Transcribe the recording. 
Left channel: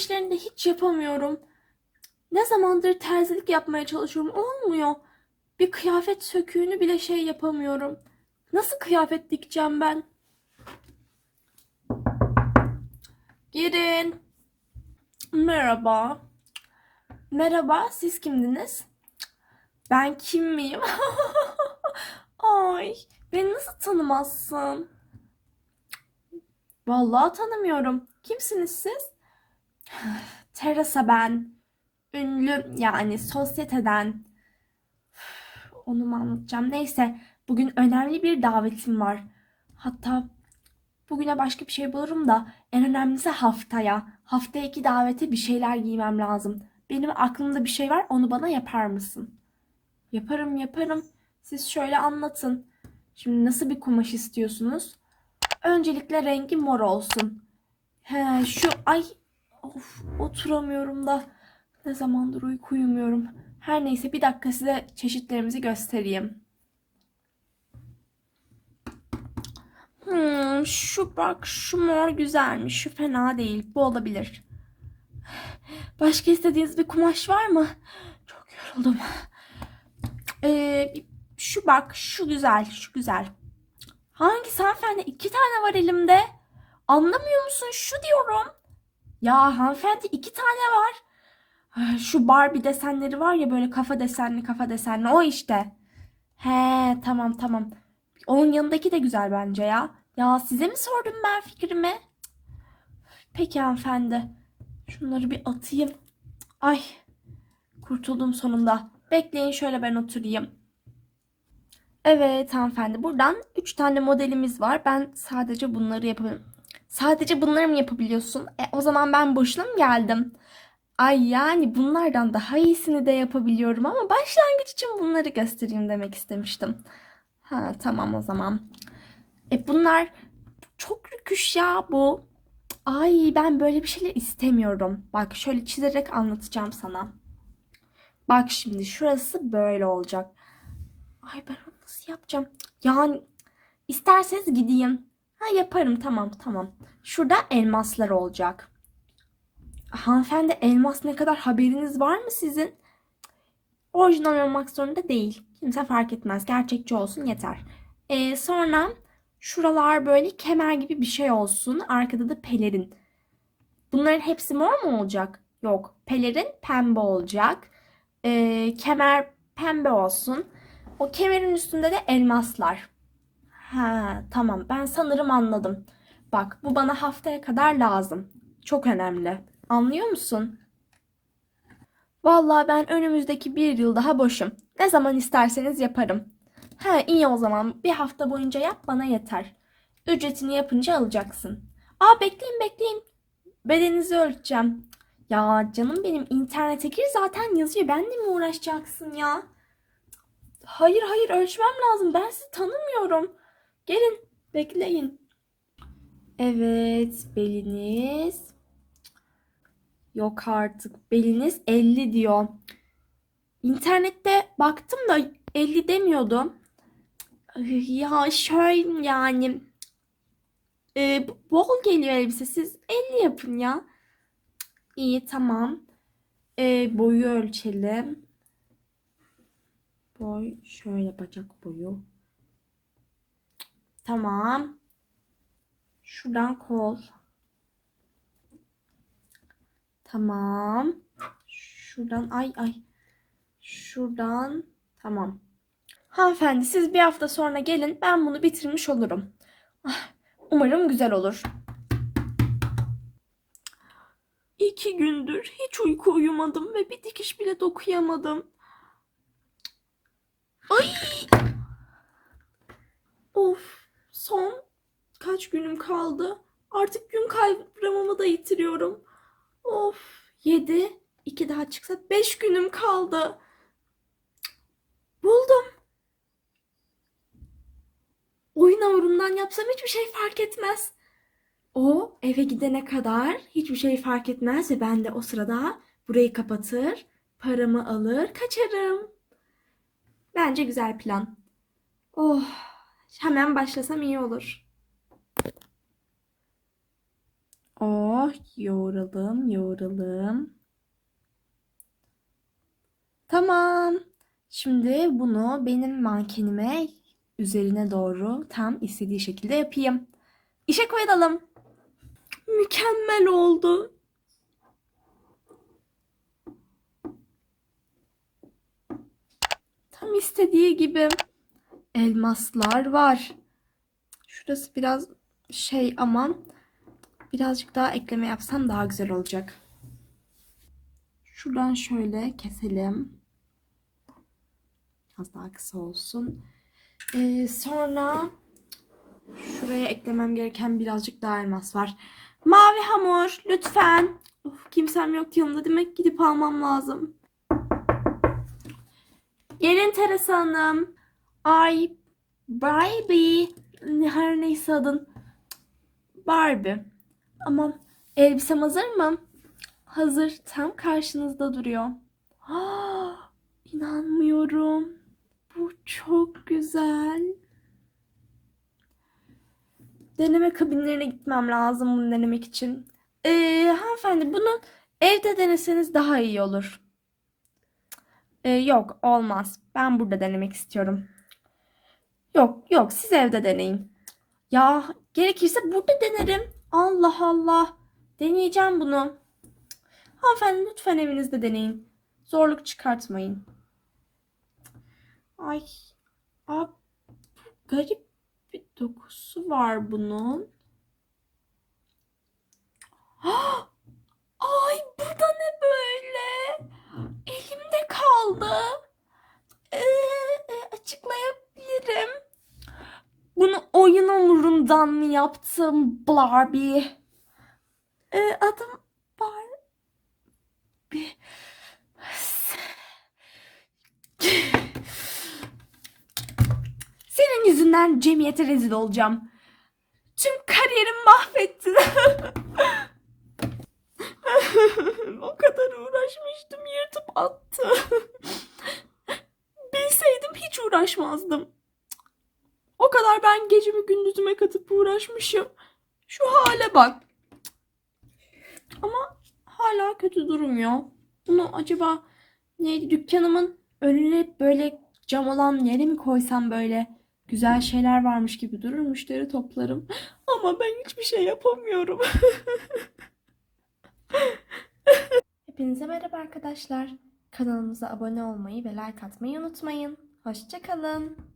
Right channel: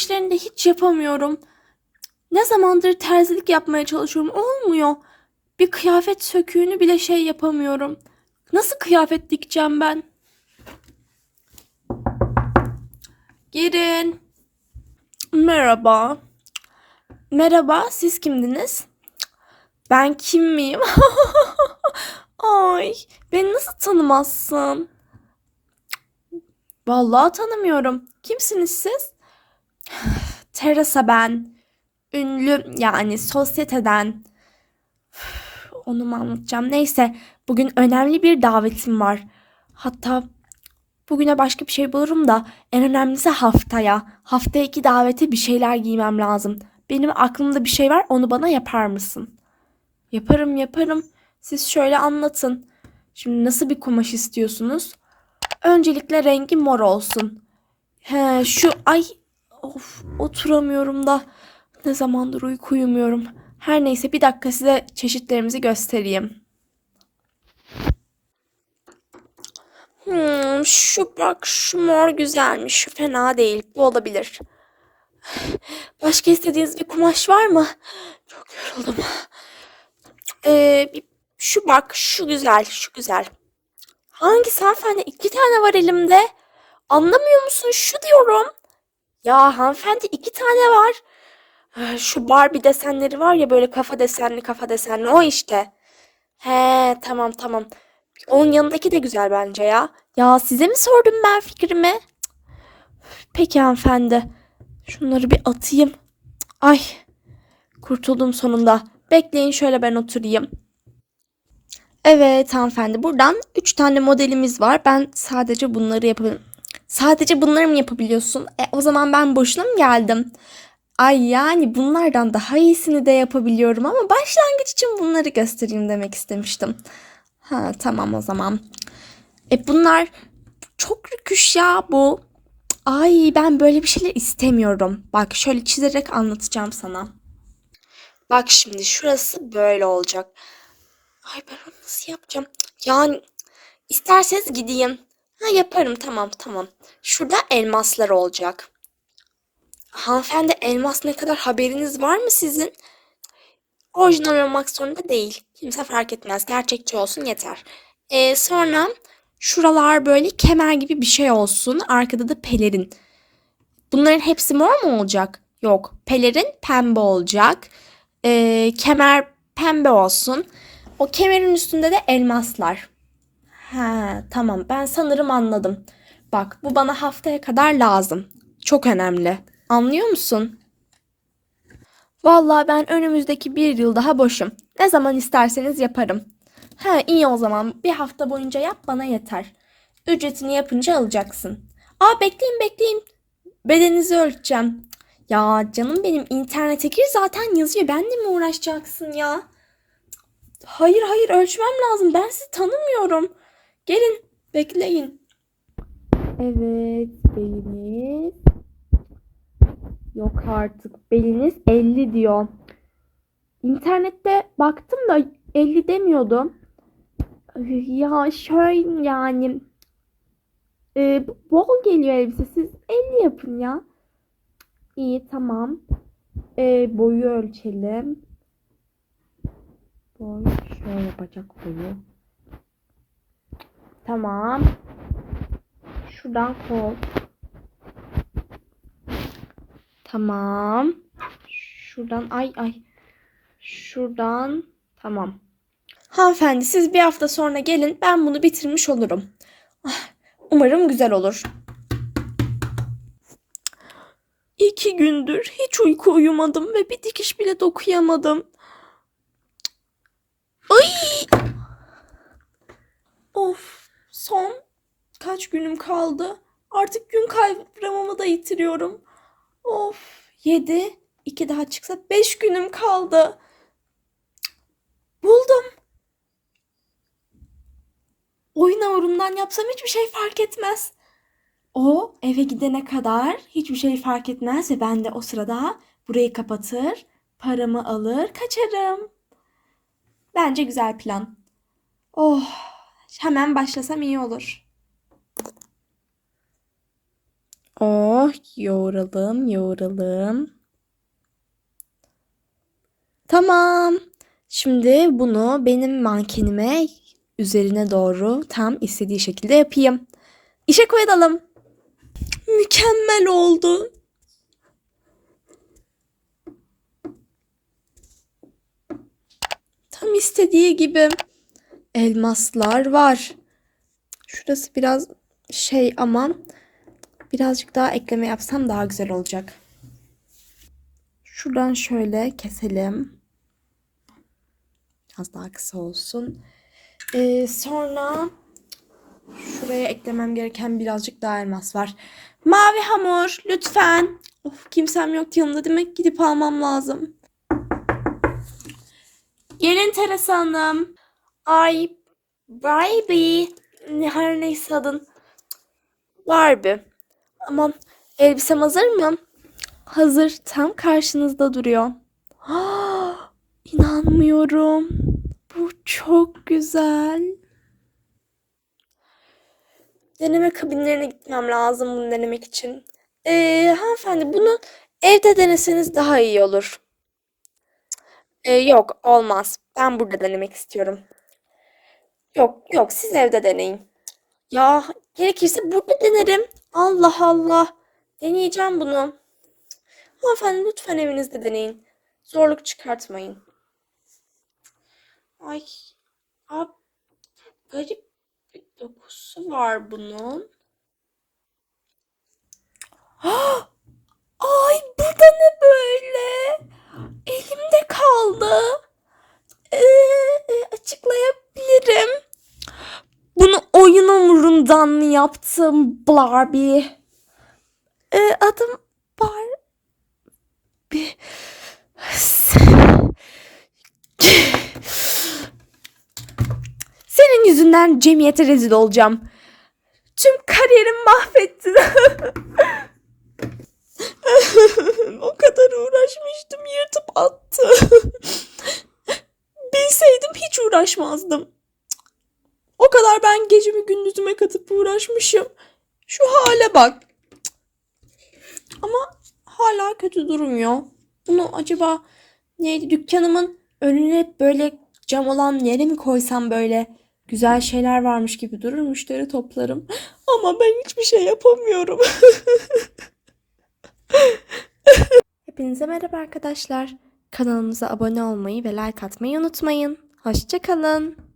işlerini de hiç yapamıyorum. Ne zamandır terzilik yapmaya çalışıyorum. Olmuyor. Bir kıyafet söküğünü bile şey yapamıyorum. Nasıl kıyafet dikeceğim ben? Girin. Merhaba. Merhaba, siz kimdiniz? Ben kim miyim? Ay, beni nasıl tanımazsın? Vallahi tanımıyorum. Kimsiniz siz? Teresa ben. Ünlü yani sosyeteden. Onu mu anlatacağım? Neyse, bugün önemli bir davetim var. Hatta bugüne başka bir şey bulurum da en önemlisi haftaya. Haftaya iki davete bir şeyler giymem lazım. Benim aklımda bir şey var, onu bana yapar mısın? Yaparım, yaparım. Siz şöyle anlatın. Şimdi nasıl bir kumaş istiyorsunuz? Öncelikle rengi mor olsun. He, şu ay of oturamıyorum da ne zamandır uyku uyumuyorum. Her neyse bir dakika size çeşitlerimizi göstereyim. Hmm, şu bak şu mor güzelmiş. Şu fena değil. Bu olabilir. Başka istediğiniz bir kumaş var mı? Çok yoruldum. Ee, şu bak şu güzel şu güzel. Hangisi hanımefendi? İki tane var elimde. Anlamıyor musun? Şu diyorum. Ya hanımefendi iki tane var. Şu Barbie desenleri var ya böyle kafa desenli kafa desenli o işte. He tamam tamam. Onun yanındaki de güzel bence ya. Ya size mi sordum ben fikrimi? Peki hanımefendi. Şunları bir atayım. Ay kurtuldum sonunda. Bekleyin şöyle ben oturayım. Evet hanımefendi buradan 3 tane modelimiz var. Ben sadece bunları yapabilirim. Sadece bunları mı yapabiliyorsun? E, o zaman ben boşuna mı geldim? Ay yani bunlardan daha iyisini de yapabiliyorum ama başlangıç için bunları göstereyim demek istemiştim. Ha tamam o zaman. E bunlar çok rüküş ya bu. Ay ben böyle bir şeyler istemiyorum. Bak şöyle çizerek anlatacağım sana. Bak şimdi şurası böyle olacak. Ay ben onu nasıl yapacağım? Yani isterseniz gideyim. Ha yaparım tamam tamam. Şurada elmaslar olacak. Hanımefendi elmas ne kadar haberiniz var mı sizin? Orijinal olmak zorunda değil. Kimse fark etmez. Gerçekçi olsun yeter. Ee, sonra şuralar böyle kemer gibi bir şey olsun. Arkada da pelerin. Bunların hepsi mor mu olacak? Yok. Pelerin pembe olacak. Ee, kemer pembe olsun. O kemerin üstünde de elmaslar. Ha, tamam. Ben sanırım anladım. Bak, bu bana haftaya kadar lazım. Çok önemli. Anlıyor musun? Vallahi ben önümüzdeki bir yıl daha boşum. Ne zaman isterseniz yaparım. Ha, iyi o zaman. Bir hafta boyunca yap bana yeter. Ücretini yapınca alacaksın. Aa bekleyin bekleyin. Bedeninizi ölçeceğim. Ya canım benim internete gir zaten yazıyor. Benle mi uğraşacaksın ya? Hayır hayır ölçmem lazım. Ben sizi tanımıyorum. Gelin bekleyin. Evet beliniz. Yok artık beliniz 50 diyor. İnternette baktım da 50 demiyordu. Ya şöyle yani e, bol geliyor elbise. Siz 50 yapın ya. İyi tamam. E, boyu ölçelim. Boy şöyle yapacak boyu. Tamam. Şuradan kol. Tamam. Şuradan ay ay. Şuradan tamam. Hanımefendi siz bir hafta sonra gelin ben bunu bitirmiş olurum. Ah, Umarım güzel olur. İki gündür hiç uyku uyumadım ve bir dikiş bile dokuyamadım. Ay! Of, son kaç günüm kaldı? Artık gün kavramımı da yitiriyorum. Of, yedi, iki daha çıksa beş günüm kaldı. Buldum. Oyun hamurundan yapsam hiçbir şey fark etmez. O eve gidene kadar hiçbir şey fark etmez ve ben de o sırada burayı kapatır, paramı alır, kaçarım. Bence güzel plan. Oh, hemen başlasam iyi olur. Oh, yoğuralım, yoğuralım. Tamam. Şimdi bunu benim mankenime üzerine doğru tam istediği şekilde yapayım. İşe koyalım. Mükemmel oldu. Tam istediği gibi elmaslar var. Şurası biraz şey ama birazcık daha ekleme yapsam daha güzel olacak. Şuradan şöyle keselim. Biraz daha kısa olsun. Ee, sonra şuraya eklemem gereken birazcık daha elmas var. Mavi hamur lütfen. Of kimsem yok yanımda demek gidip almam lazım. Gelin Teresa Hanım. Ay Barbie. Her neyse adın. Barbie. Aman elbisem hazır mı? Hazır. Tam karşınızda duruyor. İnanmıyorum. Bu çok güzel. Deneme kabinlerine gitmem lazım bunu denemek için. Ee, hanımefendi bunu evde deneseniz daha iyi olur. Ee, yok olmaz. Ben burada denemek istiyorum. Yok yok siz evde deneyin. Ya gerekirse burada denerim. Allah Allah. Deneyeceğim bunu. Hanımefendi lütfen evinizde deneyin. Zorluk çıkartmayın. Ay. Abi, garip bir dokusu var bunun. Ay bu da ne böyle? Elimde kaldı. Ee, e, açıklayabilirim. Bunu oyun mı yaptım Barbie? Ee, adım Barbie. Senin yüzünden cemiyete rezil olacağım. Tüm kariyerimi mahvettin. o kadar uğraşmıştım yırtıp attı. Bilseydim hiç uğraşmazdım. Kadar ben gecemi gündüzüme katıp uğraşmışım. Şu hale bak. Ama hala kötü durmuyor. Bunu acaba neydi dükkanımın önüne böyle cam olan yere mi koysam böyle güzel şeyler varmış gibi durur müşteri toplarım. Ama ben hiçbir şey yapamıyorum. Hepinize merhaba arkadaşlar. Kanalımıza abone olmayı ve like atmayı unutmayın. Hoşçakalın.